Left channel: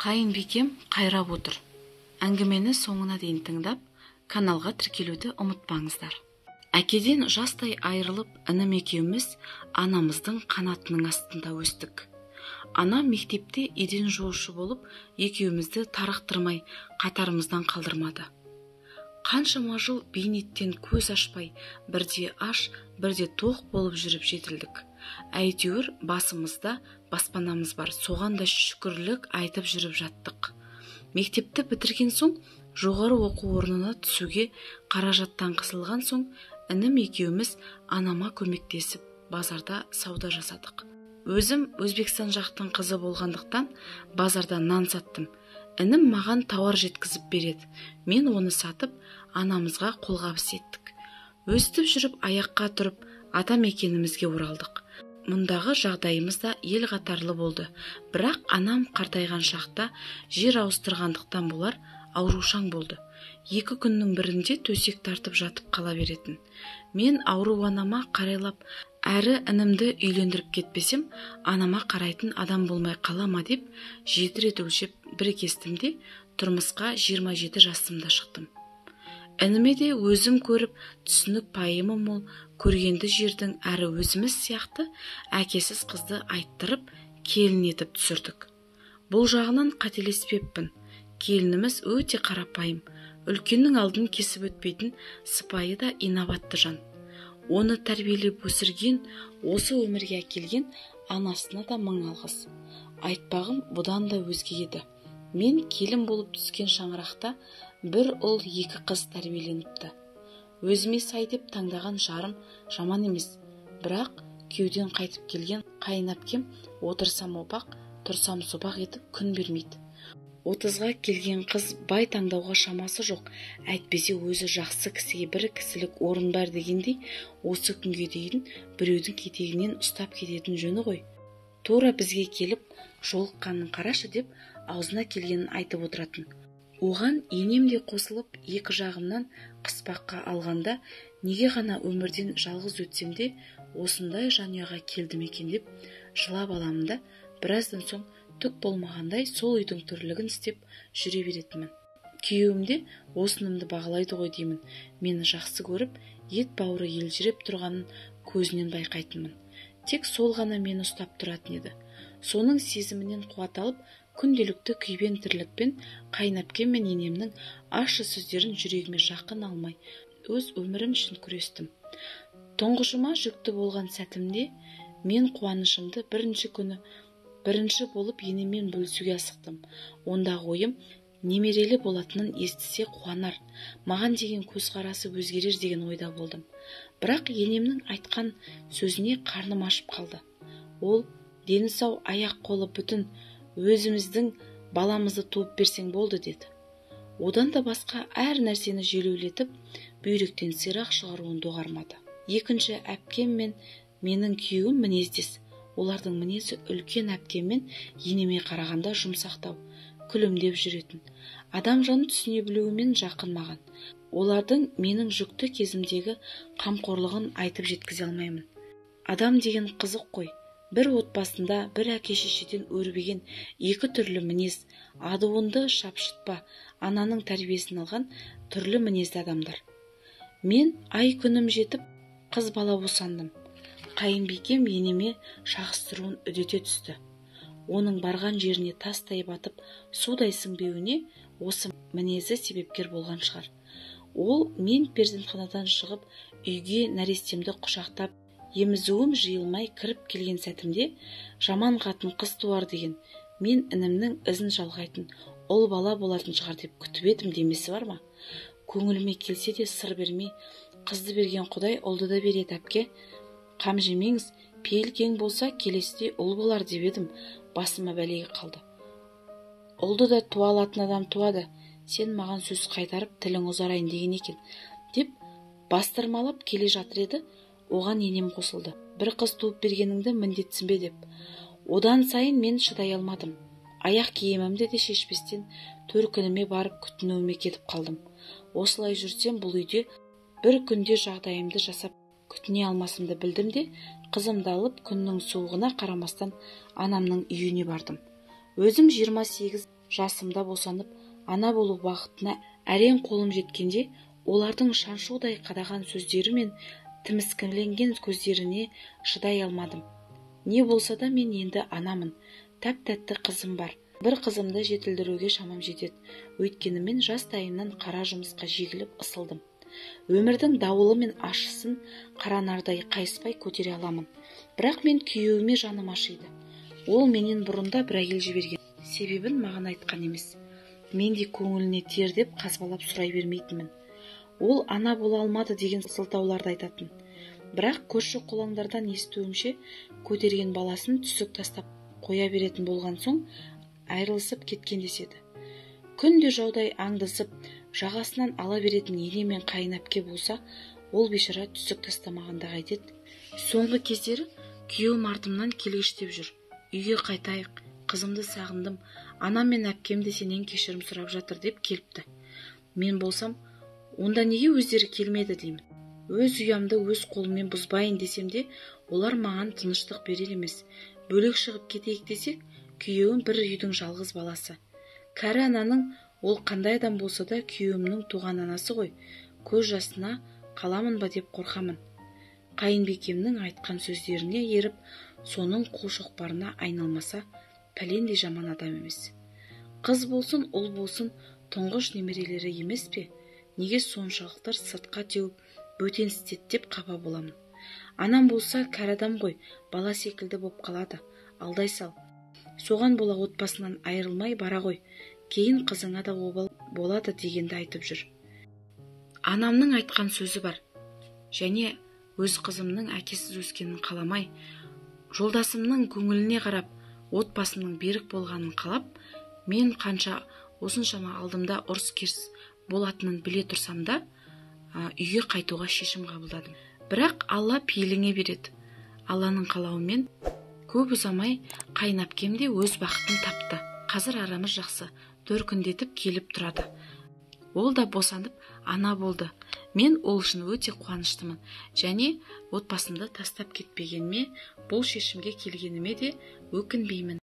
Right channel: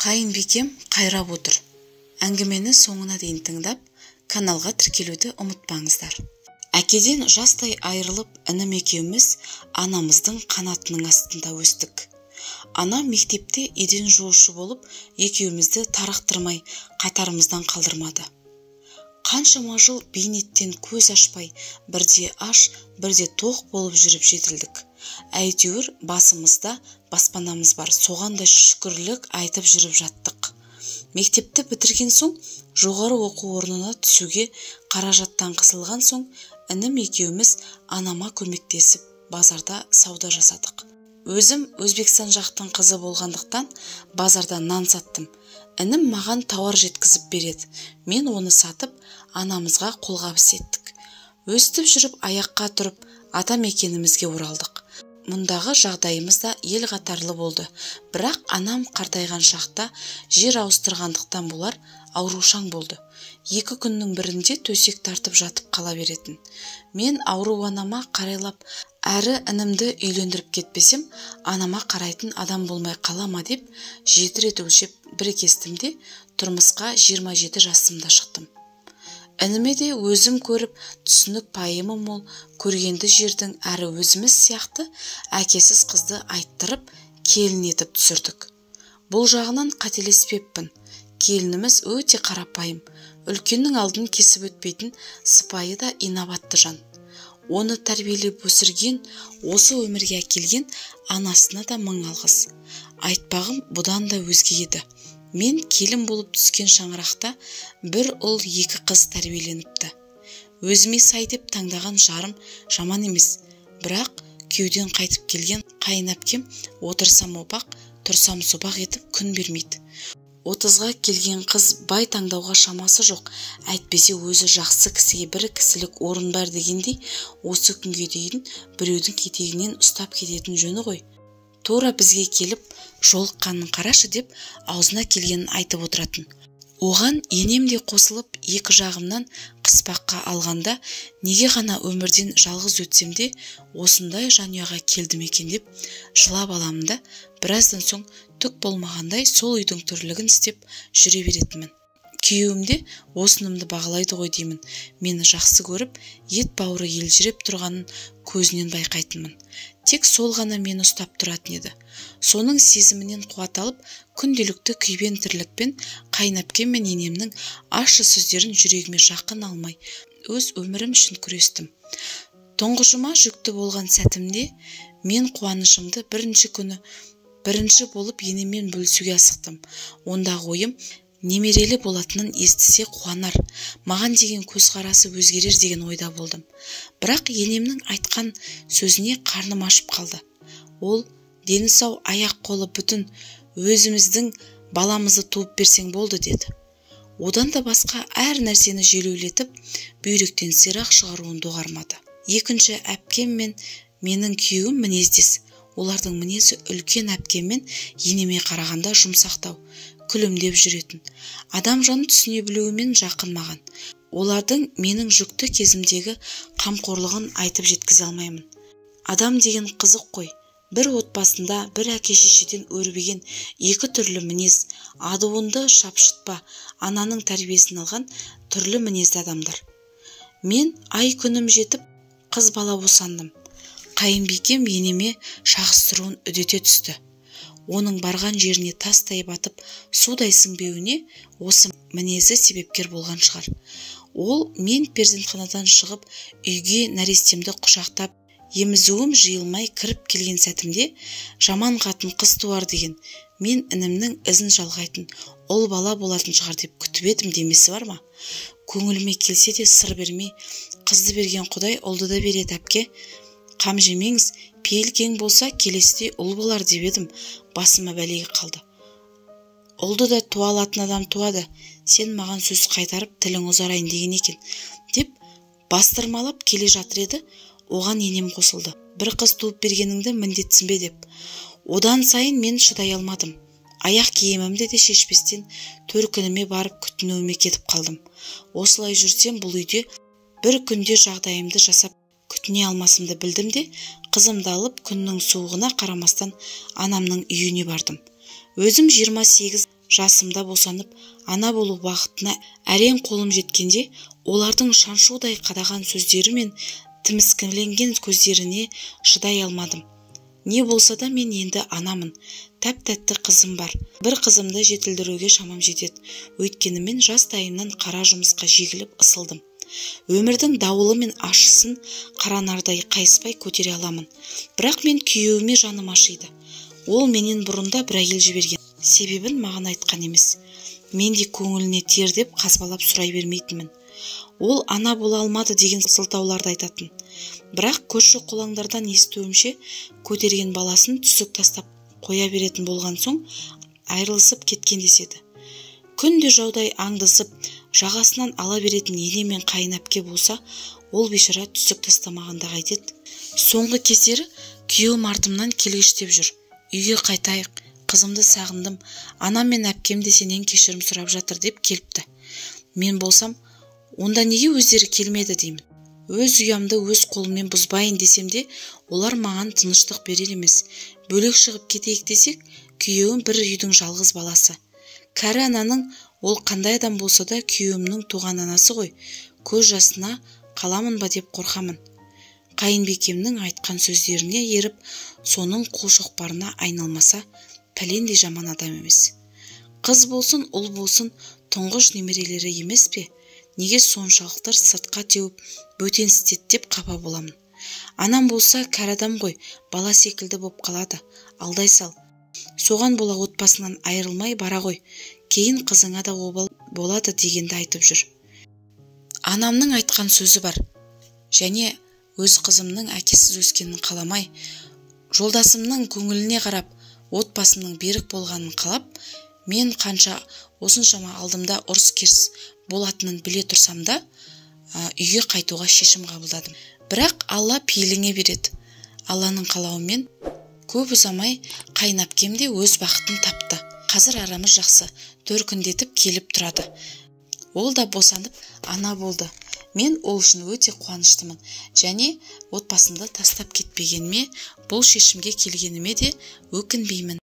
Қайынбикем қайрап отыр. Әңгімені соңына дейін тыңдап, каналға тіркелуді ұмытпаңыздар. Әкеден жастай айырылып, інім екеуміз анамыздың қанатының астында өстік. Анам мектепте еден жуушы болып, екеумізді тарықтырмай, қатарымыздан қалдырмады. Қаншама жыл бейнеттен көз ашпай, бірде аш, бірде тоқ болып жүріп жетілдік. Әйтеуір басымызда баспанамыз бар, соған да шүкірлік айтып жүріп жаттық. Мектепті бітірген соң, жоғары оқу орнына түсуге қаражаттан қысылған соң, інім екеуміз анама көмектесіп, базарда сауда жасадық. Өзім Өзбекстан жақтың қызы болғандықтан, базарда нан саттым. Інім маған тауар жеткізіп береді. Мен оны сатып, анамызға қолғабыс еттік. Өстіп жүріп, аяққа тұрып, ата мекенімізге оралдық. Мұндағы жағдайымыз да ел қатарлы болды. Бірақ анам қартайған шақта жер ауыстырғандықтан болар, аурушаң болды. 2 күннің бірінде төсек тартып жатып қала беретін. Мен ауру анама қарайлап, әрі інімді үйлендіріп кетпесем, анама қарайтын адам болмай қалама деп, 7 рет өлшеп бір кестімде, тұрмысқа 27 жасымда шықтым. Ініме де өзім көріп, түсінік пайымы мол, көргенді жердің әрі өзіміз сияқты әкесіз қызды айттырып, келін етіп түсірдік. Бұл жағынан қателеспеппін. Келініміз өте қарапайым, үлкеннің алдын кесіп өтпейтін сыпайы да инабатты жан. Оны тәрбиелеп өсірген, осы өмірге әкелген анасына да мың алғыс. Айтпағым бұдан да өзге еді. Мен келін болып түскен шаңырақта бір ұл 2 қыз тәрбиеленіпті. Өзіме сай деп таңдаған жарым жаман емес, бірақ күйеуден қайтып келген қайын әпкем отырсам опақ, тұрсам сопақ етіп күн бермейді. 30-ға келген қыз бай таңдауға шамасы жоқ, әйтпесе өзі жақсы кісіге бір кісілік орын бар дегендей, осы күнге дейін біреудің кетегінен ұстап кететін жөні ғой. Тура бізге келіп, жолыққанын қарашы деп, аузына келгенін айтып отыратын. Оған енем де қосылып, 2 жағымнан қыспаққа алғанда, неге ғана өмірден жалғыз өтсем де, осындай жанұяға келдім екен деп, жылап аламын да, біраздан соң түк болмағандай сол үйдің тірлігін істеп жүре беретінмін. Күйеуім де осынымды бағалайды ғой деймін. Мені жақсы көріп, ет бауыры елжіреп тұрғанын көзінен байқайтынмын. Тек сол ғана мені ұстап тұратын еді. Соның сезімінен қуат алып, күнделікті күйбең тірлікпен қайын әпкем мен енемнің ащы сөздерін жүрегіме жақын алмай, өз өмірім үшін күрестім. Тұңғышыма жүкті болған сәтімде мен қуанышымды бірінші болып енеммен бөлісуге асықтым. Ондағы ойым немерелі болатынын естісе қуанар, маған деген көзқарасы өзгерер деген ойда болдым. Бірақ енемнің айтқан сөзіне қарным ашып қалды. Ол, дені сау, аяқ қолы бүтін, өзіміздің баламызды туып берсең болды деді. Одан да басқа әр нәрсені желеулетіп, бүйректен сирақ шығаруын доғармады. 2-ші әпкем мен менің күйеуім мінездес. Олардың мінезі үлкен әпкем мен енеме қарағанда жұмсақтау, күлімдеп жүретін. Адам жаны түсіне білуімен жақын маған. Олардың менің жүкті кезімдегі қамқорлығын айтып жеткізе алмаймын. Адам деген қызық қой. Бір отбасында бір әке-шешеден өрбіген 2 түрлі мінез, адуынды шапшытпа, ананың тәрбиесін алған түрлі мінезді адамдар. Мен ай күнім жетіп, қыз бала босандым. Қайынбикем енеме шағыстыруын үдете түсті. Оның барған жеріне тастай батып, судай сіңбеуіне осы мінезі себепкер болған шығар. Ол мен перзентханадан шығып, үйге нәрестемді құшақтап, емізуім жиылмай кіріп келген сәтімде, жаман қатын қыз туар деген, мен інімнің ізін жалғайтын ұл бала болатын шығар деп күтіп едім демесі бар ма? Көңіліме келсе де сыр бермей, қызды берген Құдай ұлды да береді әпке. Қам жемеңіз, пейіл кең болса келесіде ұл болар деп едім, басыма бәлеге қалды. Ұлды да туа алатын адам туады, сен маған сөз қайтарып тілің ұзарайын деген екен, деп бастырмалап келе жатыр еді, оған енем қосылды. Бір қыз туып бергеніңді міндетсін бе деп. Одан сайын мен шыдай алмадым. Аяқ киімімді де шешпестен төркініме барып күтінуіме кетіп қалдым. Осылай жүрсем бұл үйде бір күнде жағдайымды жасап күтіне алмасымды білдім де, қызымды алып күннің суығына қарамастан анамның үйіне бардым. Өзім 28 жасымда босанып, ана болу бақытына әрең қолым жеткенде, олардың шаншудай қадаған сөздері мен тіміскіленген көздеріне шыдай алмадым. Не болса да мен енді анамын. Тәп-тәтті қызым бар. Бір қызымды жетілдіруге шамам жетеді. Өйткені мен жастайымнан қара жұмысқа жегіліп ысылдым. Өмірдің дауылы мен ащысын қара нардай қайыспай көтере аламын. Бірақ мен күйеуіме жаным ашиды. Ол менен бұрында бір әйел жіберген. Себебін маған айтқан емес. Мен де көңіліне тер деп қазбалап сұрай бермейтінмін. Ол ана бола алмады деген сылтауларды айтатын. Бірақ көрші қолаңдардан естуімше, көтерген баласын түсік тастап қоя беретін болған соң айырылысып кеткен деседі. Күнде жаудай аңдысып, жағасынан ала беретін ене мен қайын әпке болса, ол бейшара түсік тастамағанда қайтеді. Соңғы кездері күйеуім артымнан келгіштеп жүр. Үйге қайтайық, қызымды сағындым, анам мен әпкем де сенен кешірім сұрап жатыр деп келіпті. Мен болсам, онда неге өздері келмеді деймін. Өз ұямды өз қолыммен бұзбайын десем де, олар маған тыныштық берер емес. Бөлек шығып кетейік десек, күйеуім бір үйдің жалғыз баласы. Кәрі ананың ол қандай адам болса да күйеуімнің туған анасы ғой. Көз жасына қаламын ба деп қорқамын. Қайынбекемнің айтқан сөздеріне еріп, соның қолшоқпарына айналмаса, пәлендей жаман адам емес. Қыз болсын, ұл болсын, тұңғыш немерелері емес пе? Неге соншалықтар сыртқа теуіп, бөтен істет деп қапа боламын. Анам болса кәрі адам ғой, бала секілді боп қалады. Алдай сал. Соған бола отбасынан айырылмай бара ғой. Кейін қызыңа да обал болады дегенді айтып жүр. Анамның айтқан сөзі бар. Және өз қызымның әкесіз өскенін қаламай, жолдасымның көңіліне қарап, отбасының берік болғанын қалап, мен қанша осыншама алдымда ұрыс-керіс болатынын біле тұрсам да, үйге қайтуға шешім қабылдадым. Бірақ Алла пейіліңе береді. Алланың қалауымен көп ұзамай қайын әпкем де өз бақытын тапты. Қазір арамыз жақсы, төркіндетіп келіп тұрады. Ол да босанып ана болды. Мен ол үшін өте қуаныштымын. Және отбасымды тастап кетпегеніме, бұл шешімге келгеніме де өкінбеймін.